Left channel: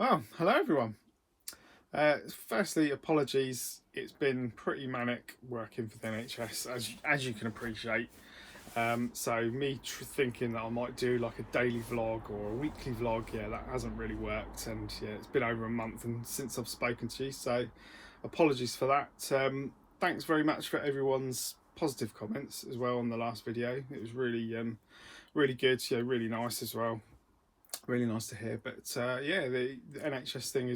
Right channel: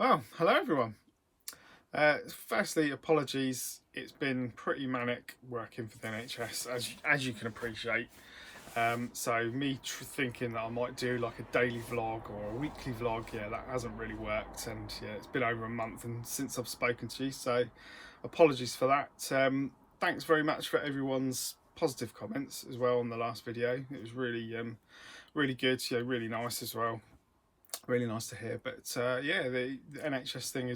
Well, hello everyone. Firstly, apologies. It's been pretty manic working for the NHS, as you can appreciate. So me thinking that I might do like a daily vlog or a weekly vlog, yeah, that hasn't really worked. And yeah, it's been over a month and since I've spoken to you, so apologies for that. Thanks very much for everyone's positive comments as well on the last video. It was really good. Yeah, really nice as well. Really nice to hear. But yeah, the NHS thing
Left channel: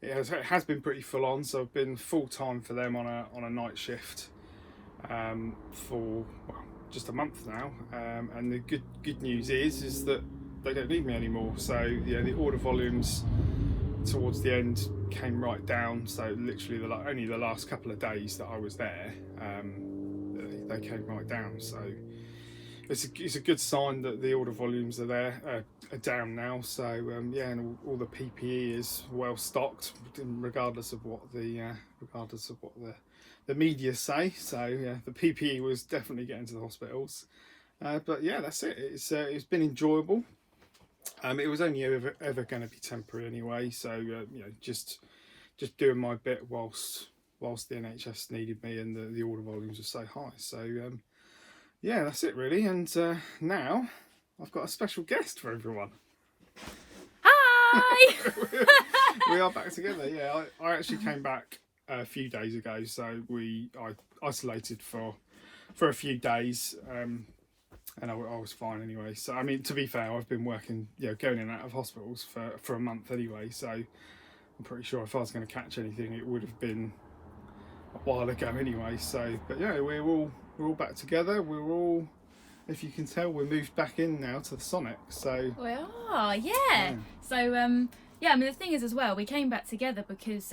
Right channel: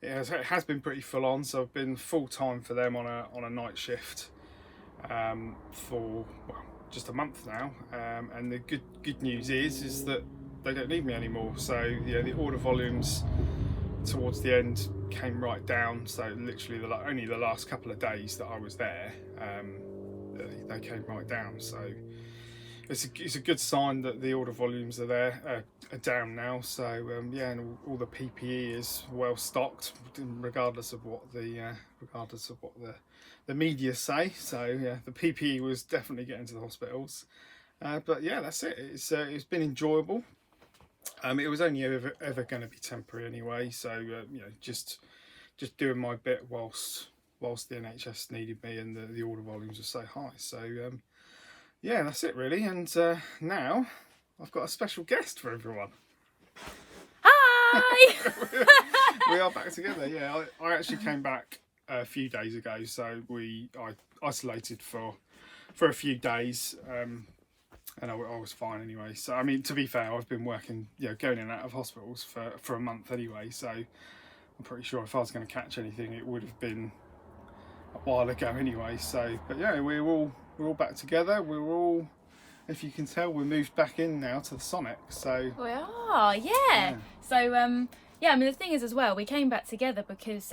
it has been pretty full on. So I've been full time for them on a night shift for just a month now. And the good news is that they don't need me anymore. So yeah, the order volumes towards the end came right down. So literally only the last couple of days that I was there, they came right down. So it's a good sign that the order volumes are down now. So yeah, and all the PPE is well stocked, regardless of what the media say. So yeah, the PPE was definitely getting to the hospitals. But yeah, that's it. It's been enjoyable. It was only ever going to be temporary anyway. So you know, just doing my bit whilst the NHS needed me and the order volumes were so high. So yeah, that's it really. And now I've got a special guest for everyone. Hi! We are back together. Yeah, I actually came back a few days ago, so I isolated for a few days, and I was fine anyway. So I mean, to be fair, I've been working, going in and out of hospitals for a month anyway. So I'm pretty sure if I was going to catch anything, it would have been a while ago anyway. So, but yeah, we're all back together. We're all, if you can tell, we're moved back in now to the Sonic. So We are, yeah. So, yeah, I mean, the thing is as well, we came back together because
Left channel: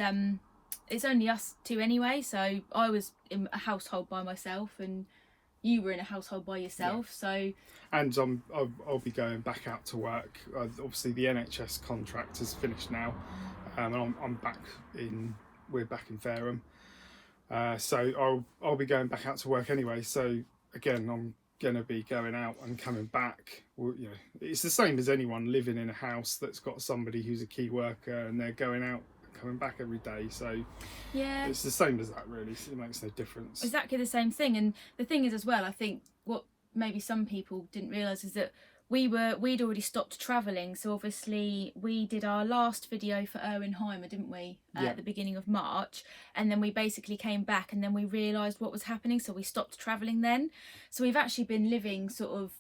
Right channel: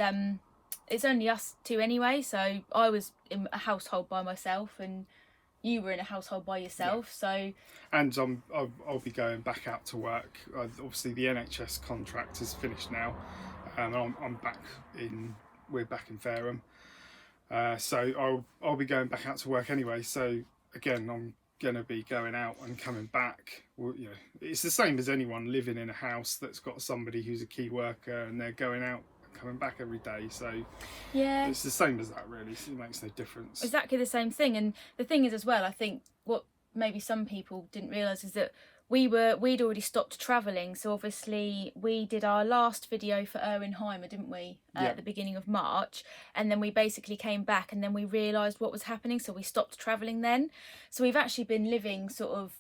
it's only us two anyway. So I was in a household by myself and you were in a household by yourself. Yeah. So, and I'll be going back out to work. Obviously, the NHS contract has finished now, and I'm back in. We're back in Fareham. So I'll be going back out to work anyway. So again, I'm going to be going out and coming back. Well, it's the same as anyone living in a house that's got somebody who's a key worker and they're going out and coming back every day. So yeah, it's the same as that really. So it makes no difference. Exactly the same thing. And the thing is as well, I think what maybe some people didn't realise is that we'd already stopped travelling. So obviously we did our last video for Erwinheimer, didn't we, at the beginning of March, and then we basically came back and then we realised what was happening, so we stopped travelling then. So we've actually been living sort of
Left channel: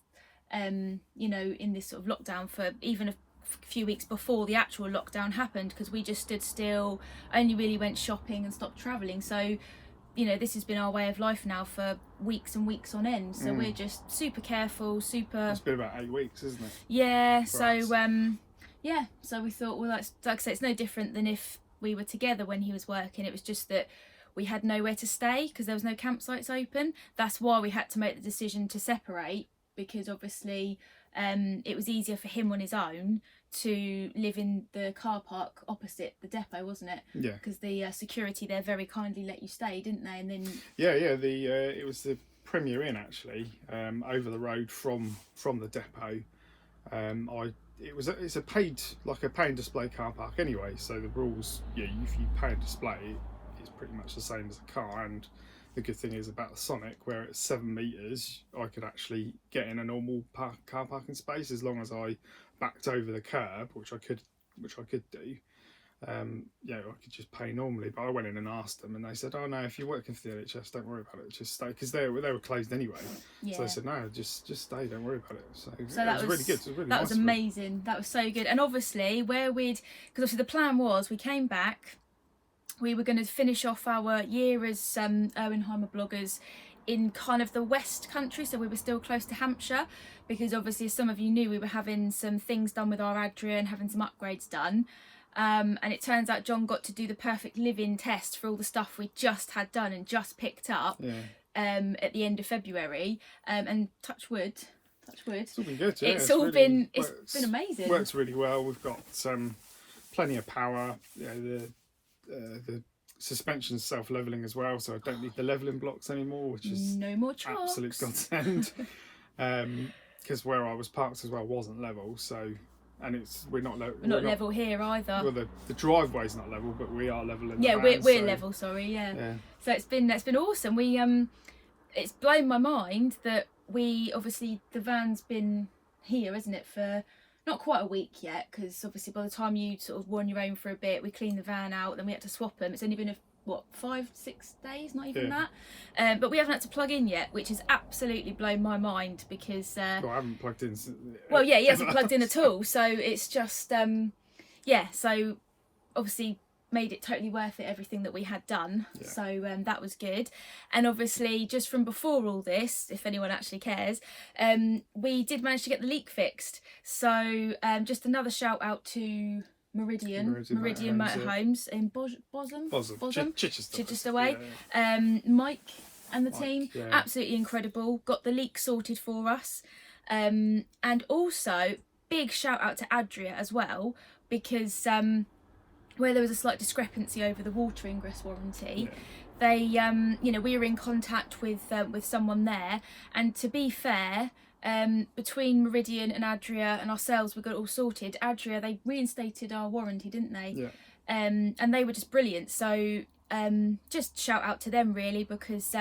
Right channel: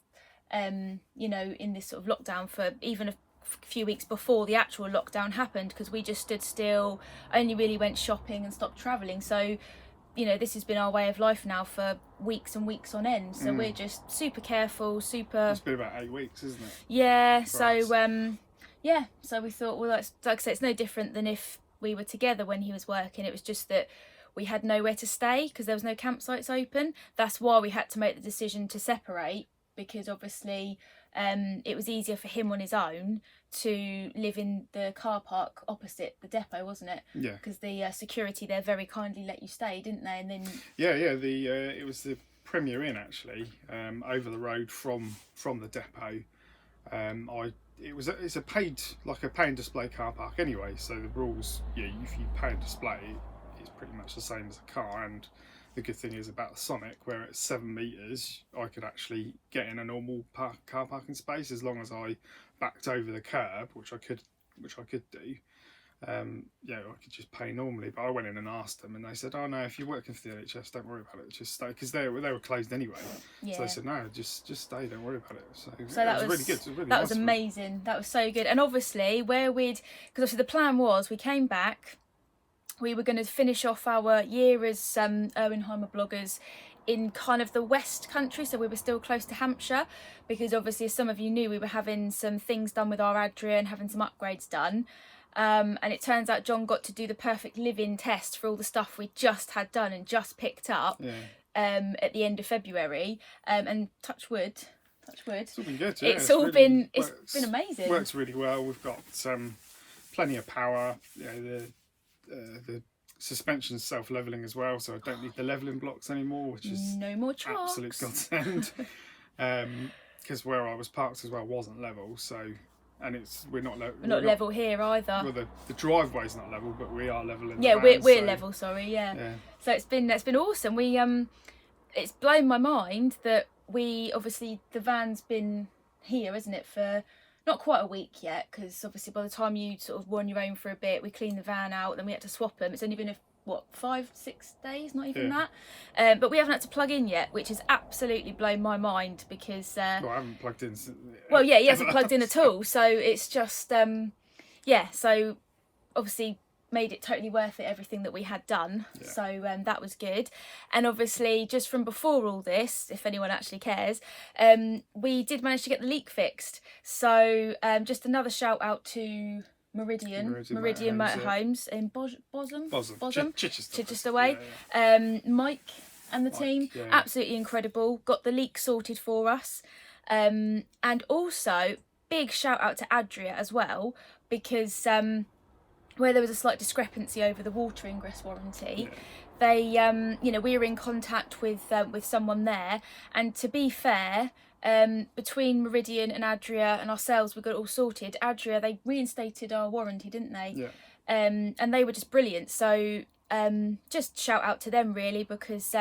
in this sort of lockdown for even a few weeks before the actual lockdown happened, because we just stood still, only really went shopping and stopped travelling. So this has been our way of life now for weeks and weeks on end. So we're just super careful, super. It's been about 8 weeks, isn't it? Yeah. So yeah. So we thought, well, that's, like I say, it's no different than if we were together when he was working. It was just that we had nowhere to stay because there was no campsites open. That's why we had to make the decision to separate, because obviously it was easier for him on his own to live in the car park opposite the depot, wasn't it? Yeah. Because the security there very kindly let you stay, didn't they? And then it was the Premier Inn actually, over the road from the depot. It's a pay and display car park anyway. So the rules, if you pay and display, it's pretty much the same as a car. And the good thing is about the Sonic, where it's 7 meters, I could actually get in a normal car parking space as long as I backed over the curb, which I could do. I could just pay normally. But I went in and asked them, and they said, "Oh no, if you're working for the NHS, don't worry about it. Just stay," because they were closed anyway. Yeah. So they said, "No, just stay. Don't worry about it." So that was really good. It was really nice. That was amazing. That was so good. And obviously, because obviously the plan was we came back. We were going to finish off our year as Erwinheimer bloggers in kind of the West Country, so we were still close to Hampshire, because obviously, as some of you knew, we were having some things done with our Adria and having some upgrades done. And it turns out John got to do the perfect live-in test for all the stuff we just had done and just picked up at the end of February. And touch wood. It's all been good. Yeah, it's been amazing. Works really well. We've got plenty of power. The suspension's self-leveling as well, so I don't need the leveling blocks anymore, which is no more trucks. Absolute godsend. Because where I was parked as well wasn't level, so and we're not level here either. Well, the driveway's not level, but we are level in the yeah, van, we're level. Sorry, yeah. So it's been awesome. It's blown my mind that the van's been here, isn't it, for not quite a week yet, because obviously by the time you sort of were on your own for a bit, we cleaned the van out, then we had to swap them. It's only been 5-6 days, not even that. But we haven't had to plug in yet, which has absolutely blown my mind, because well, I haven't plugged in he hasn't plugged in at all, so it's just so obviously made it totally worth it, everything that we had done. So that was good. And obviously just from before all this, if anyone actually cares, we did manage to get the leak fixed. So just another shout out to Meridian Motorhomes in Bosham, Chichester way. Mike and the team, absolutely incredible, got the leak sorted for us. And also big shout out to Adria as well, because where there was a slight discrepancy over the water ingress warranty, they we were in contact with someone there, and to be fair, between Meridian and Adria and ourselves, we got it all sorted. Adria, they reinstated our warranty, didn't they? And they were just brilliant. So just shout out to them really, because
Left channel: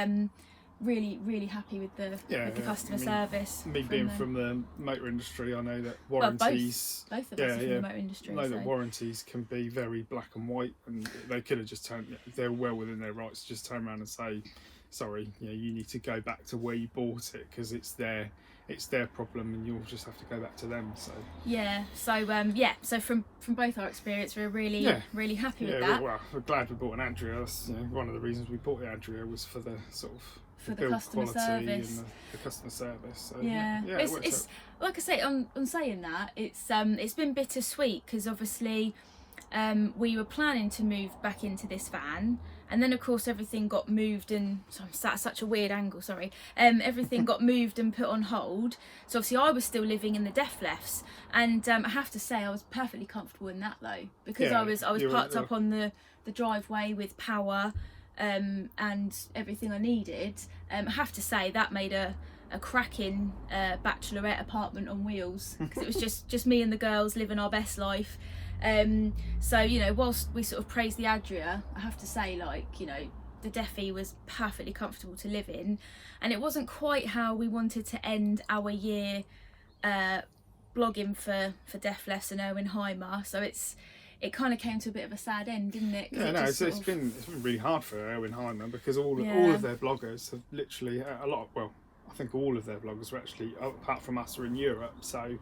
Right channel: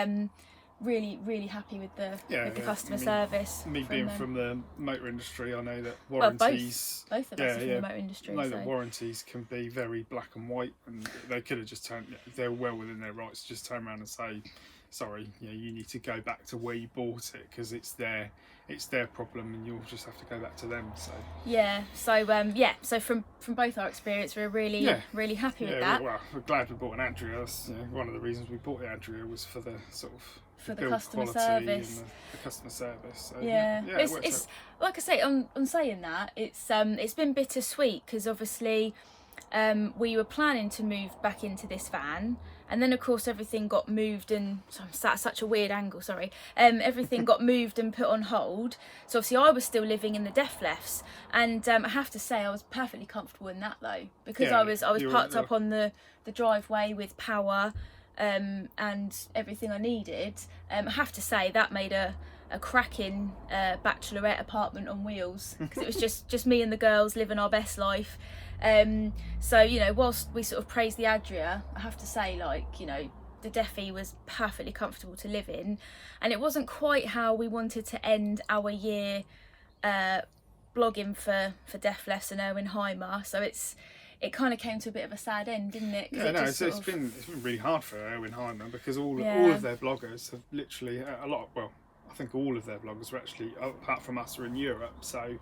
really happy with the customer service. Me being from the motor industry, I know that warranties. Both of us are from the motor industry. I know that warranties can be very black and white, and they could have just turned. If they're well within their rights, just turn around and say, "Sorry, you need to go back to where you bought it, because it's their problem, and you'll just have to go back to them." So so from both our experience, we're really happy with that. We're glad we bought an Adria. That's, one of the reasons we bought the Adria was for the sort of for the build customer quality service and the customer service. So, it's like I say, on saying that, it's been bittersweet, because obviously we were planning to move back into this van, and then of course everything got moved, and so I'm sat at such a weird angle, sorry, everything got moved and put on hold. So obviously I was still living in the def lefts, and I have to say I was perfectly comfortable in that though, because I was parked up on the driveway with power and everything I needed. I have to say that made a cracking bachelorette apartment on wheels, because it was just me and the girls living our best life. So whilst we sort of praise the Adria, I have to say, the Defy was perfectly comfortable to live in, and it wasn't quite how we wanted to end our year blogging for Def Less and Erwin-Heimer. So it kind of came to a bit of a sad end, didn't it? It's been really hard for Erwin-Heimer, because all of their bloggers have literally I think all of their bloggers were actually, apart from us, are in Europe. So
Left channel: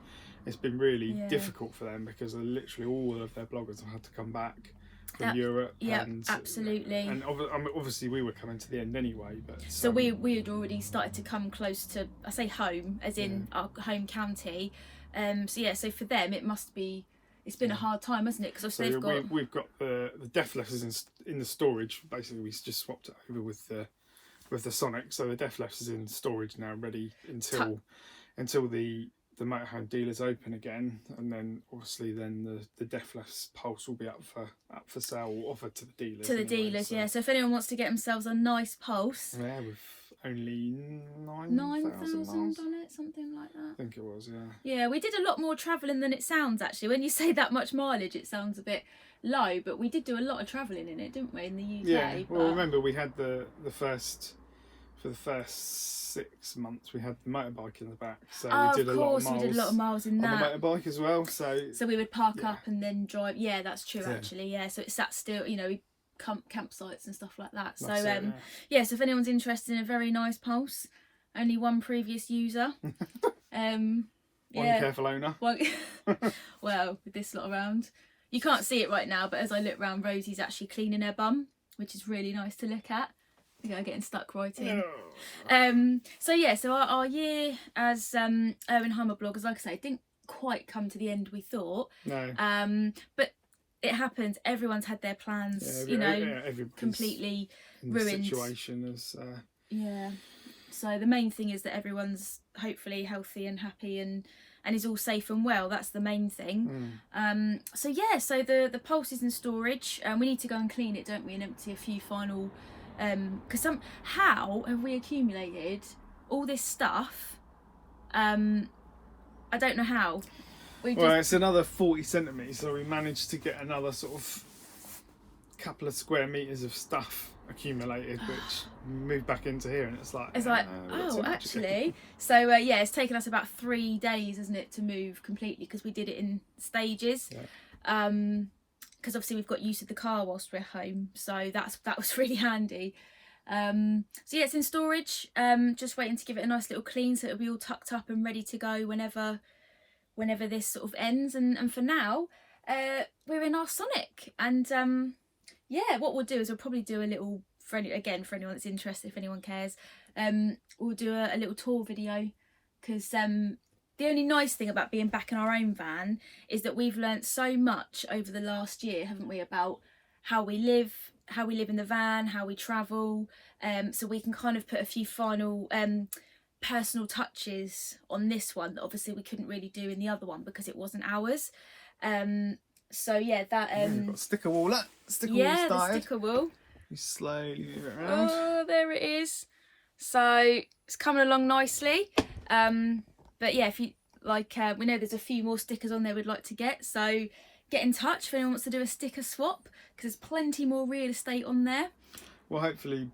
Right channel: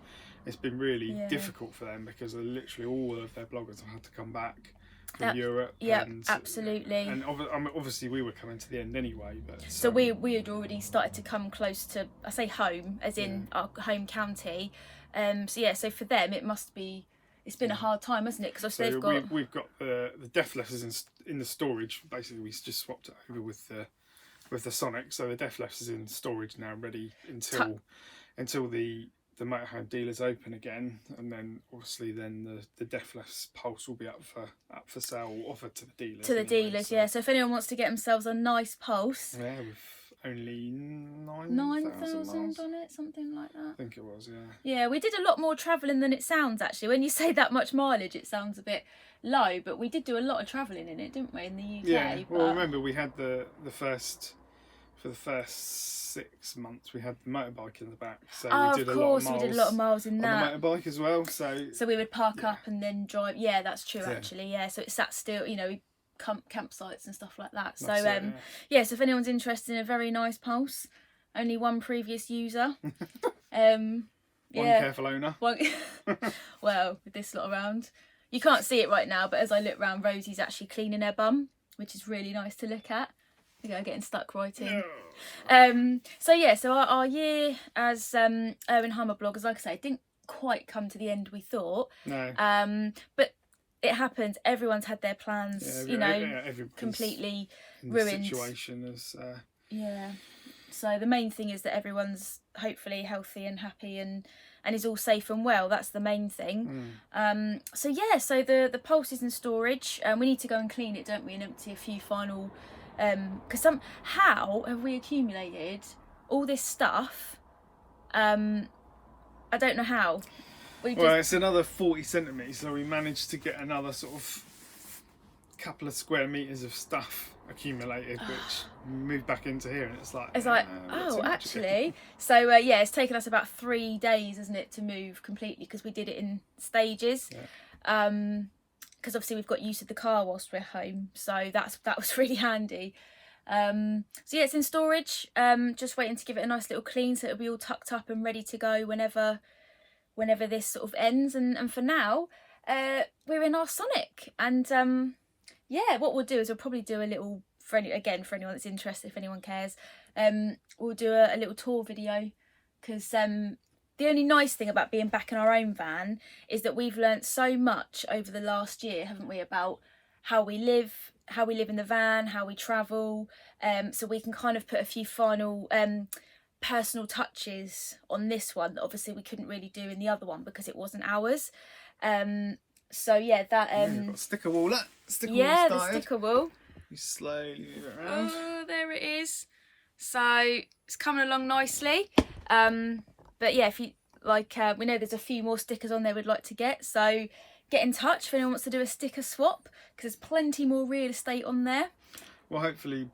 it's been really difficult for them, because literally all of their bloggers have had to come back from Europe. Yeah, and, absolutely. And obviously we were coming to the end anyway. But so we had already started to come close to, I say home, as in our home county. So for them it must be. It's been a hard time, hasn't it? Because we've got the Def Lefts in the storage. Basically, we just swapped it over with the Sonic. So the Def Lefts is in storage now, ready until the motorhome dealers open again, and then obviously the Def Lefts Pulse will be up for sale, or offered to the dealers. So if anyone wants to get themselves a nice Pulse, with only 9,000 miles on it, something like that. I think it was, Yeah, we did a lot more travelling than it sounds, actually. When you say that much mileage, it sounds a bit low, but we did do a lot of travelling in it, didn't we, in the UK? Yeah, well, remember we had for the first 6 months we had the motorbike in the back, so we did a lot of miles in that. On the motorbike as well. So we would park up and then drive. Yeah, that's true actually. Yeah, so it sat still, campsites and stuff like that. So so if anyone's interested in a very nice Pulse, only one previous user. One careful owner. Well, with this lot around, you can't see it right now, but as I look round, Rosie's actually cleaning her bum, which is really nice to look at. Getting stuck right in. So our year as Erwin-Heimer bloggers, like I say, didn't quite come to the end we thought. No. But it happens. Everyone's had their plans, completely ruined. The situation is. So the main thing is that everyone's hopefully healthy and happy and is all safe and well. That's the main thing. So the Pulse is in storage. We need to go and clean it, don't we, and empty a few final. Because somehow have we accumulated all this stuff? I don't know how. We Well, just it's another 40 centimetres, so we managed to get another sort of couple of square metres of stuff accumulated, which moved back into here, and it's like, it's like, we've got oh, too much again." actually. So yeah, it's taken us about 3 days, isn't it, to move completely, because we did it in stages. Yeah. Because obviously we've got use of the car whilst we're home, so that was really handy. So yeah, it's in storage. Just waiting to give it a nice little clean, so it'll be all tucked up and ready to go whenever this sort of ends. And for now, we're in our Sonic, and yeah, what we'll do is we'll probably do a little, for anyone that's interested, if anyone cares, we'll do a little tour video, because the only nice thing about being back in our own van is that we've learnt so much over the last year, haven't we, about how we live in the van, how we travel, so we can kind of put a few final personal touches on this one that obviously we couldn't really do in the other one because it wasn't ours. So yeah, that We've got sticker wall. Sticker wall yeah, started. the sticker wall. You slowly move it around. Oh, there it is. So it's coming along nicely. But yeah, if you like, we know there's a few more stickers on there we'd like to get. So get in touch if anyone wants to do a sticker swap, because there's plenty more real estate on there. Well, hopefully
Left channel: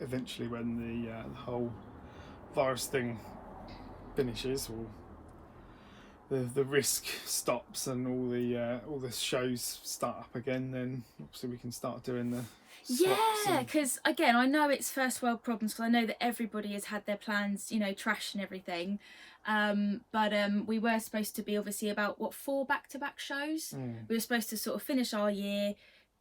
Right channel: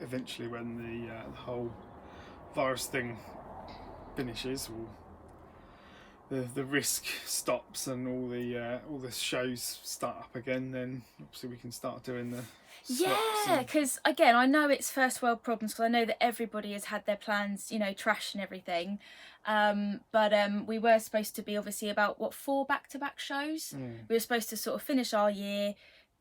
eventually when the whole virus thing finishes, or the risk stops and all the shows start up again, then obviously we can start doing the swaps. Yeah, because again, I know it's first world problems, because I know that everybody has had their plans, trashed and everything. But we were supposed to be obviously about 4 back-to-back shows. We were supposed to sort of finish our year,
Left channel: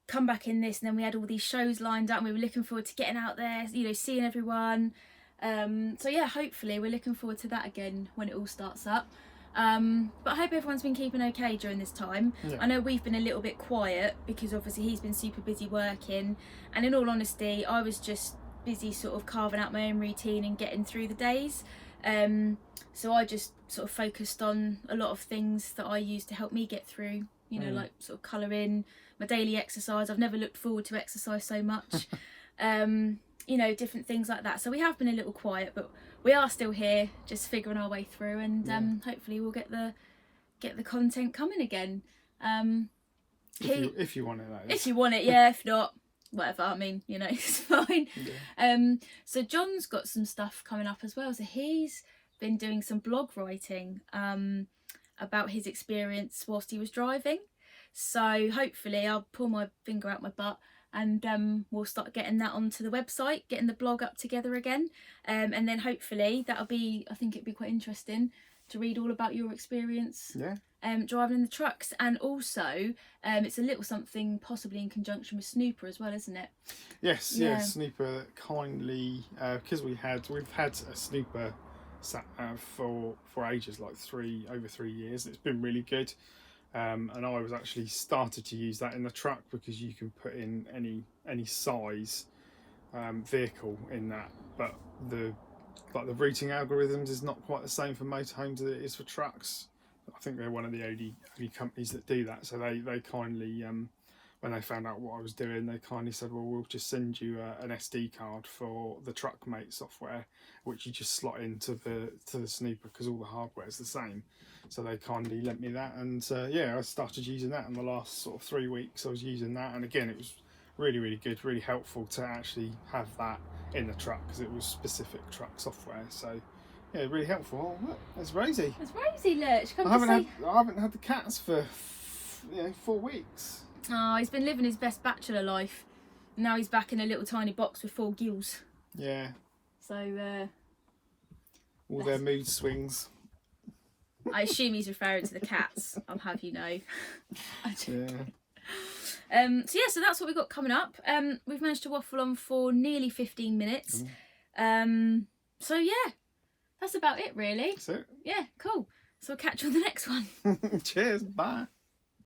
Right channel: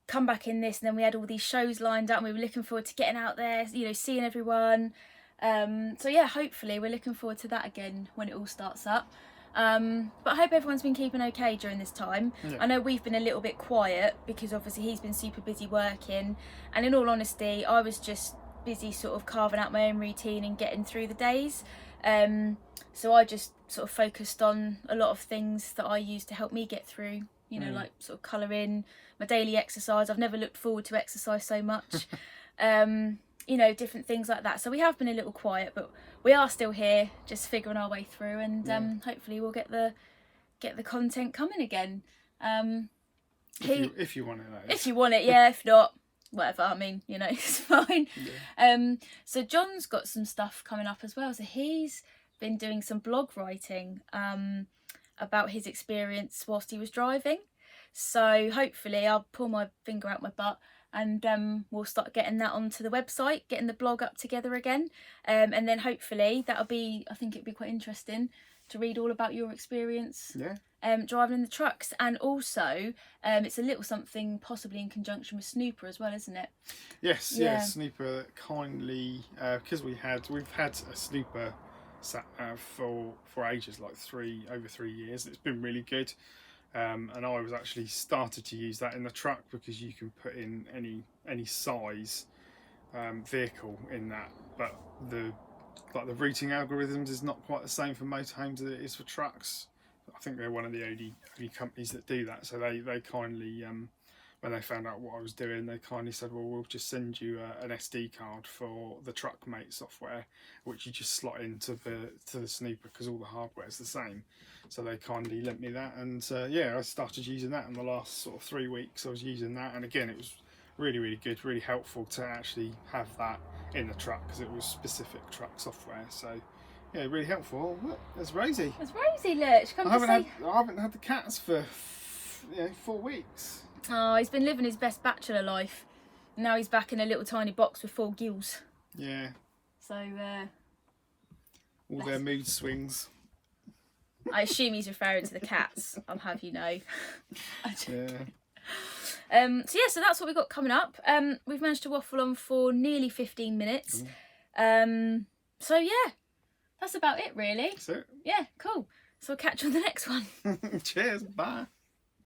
come back in this, and then we had all these shows lined up, and we were looking forward to getting out there, seeing everyone. So yeah, hopefully we're looking forward to that again when it all starts up. But I hope everyone's been keeping okay during this time. Yeah. I know we've been a little bit quiet because obviously he's been super busy working, and in all honesty I was just busy sort of carving out my own routine and getting through the days. So I just sort of focused on a lot of things that I use to help me get through, like sort of colouring, my daily exercise. I've never looked forward to exercise so much. Different things like that. So we have been a little quiet, but we are still here, just figuring our way through, and hopefully we'll get the content coming again. If you want it, that is. If you want it, yeah. If not, whatever. I mean, it's fine. Yeah. So John's got some stuff coming up as well. So he's been doing some blog writing about his experience whilst he was driving. So hopefully I'll pull my finger out my butt, and we'll start getting that onto the website, getting the blog up together again, and then hopefully I think it'd be quite interesting to read all about your experience driving in the trucks. And also it's a little something possibly in conjunction with Snooper as well, isn't it? Yes, Snooper kindly, because we've had a Snooper sat nav for ages, like over 3 years. It's been really good. And I was actually started to use that in the truck, because you can put in any size vehicle in that, but the routing algorithms is not quite the same for motorhomes as it is for trucks. I think they're one of the only companies that do that. So they kindly, when they found out what I was doing, they kindly said, well, we'll just send you an SD card for the TruckMate software, which you just slot into the Snooper, because all the hardware is the same. So they kindly lent me that, and I started using that in the last sort of 3 weeks. I was using that, and again, it was really, really good, really helpful to actually have that in the truck, because it was specific truck software. So yeah, really helpful. Oh, look, there's Rosie. It's Rosie, look. I haven't had the cats for 4 weeks. Oh, he's been living his best bachelor life. Now he's back in a little tiny box with 4 gills. Yeah. So all their mood swings. I assume he's referring to the cats. I'll have you know. So that's what we've got coming up. We've managed to waffle on for nearly 15 minutes. So yeah, that's about it really. That's it. Yeah, cool. So we'll catch you on the next one. Cheers. Bye.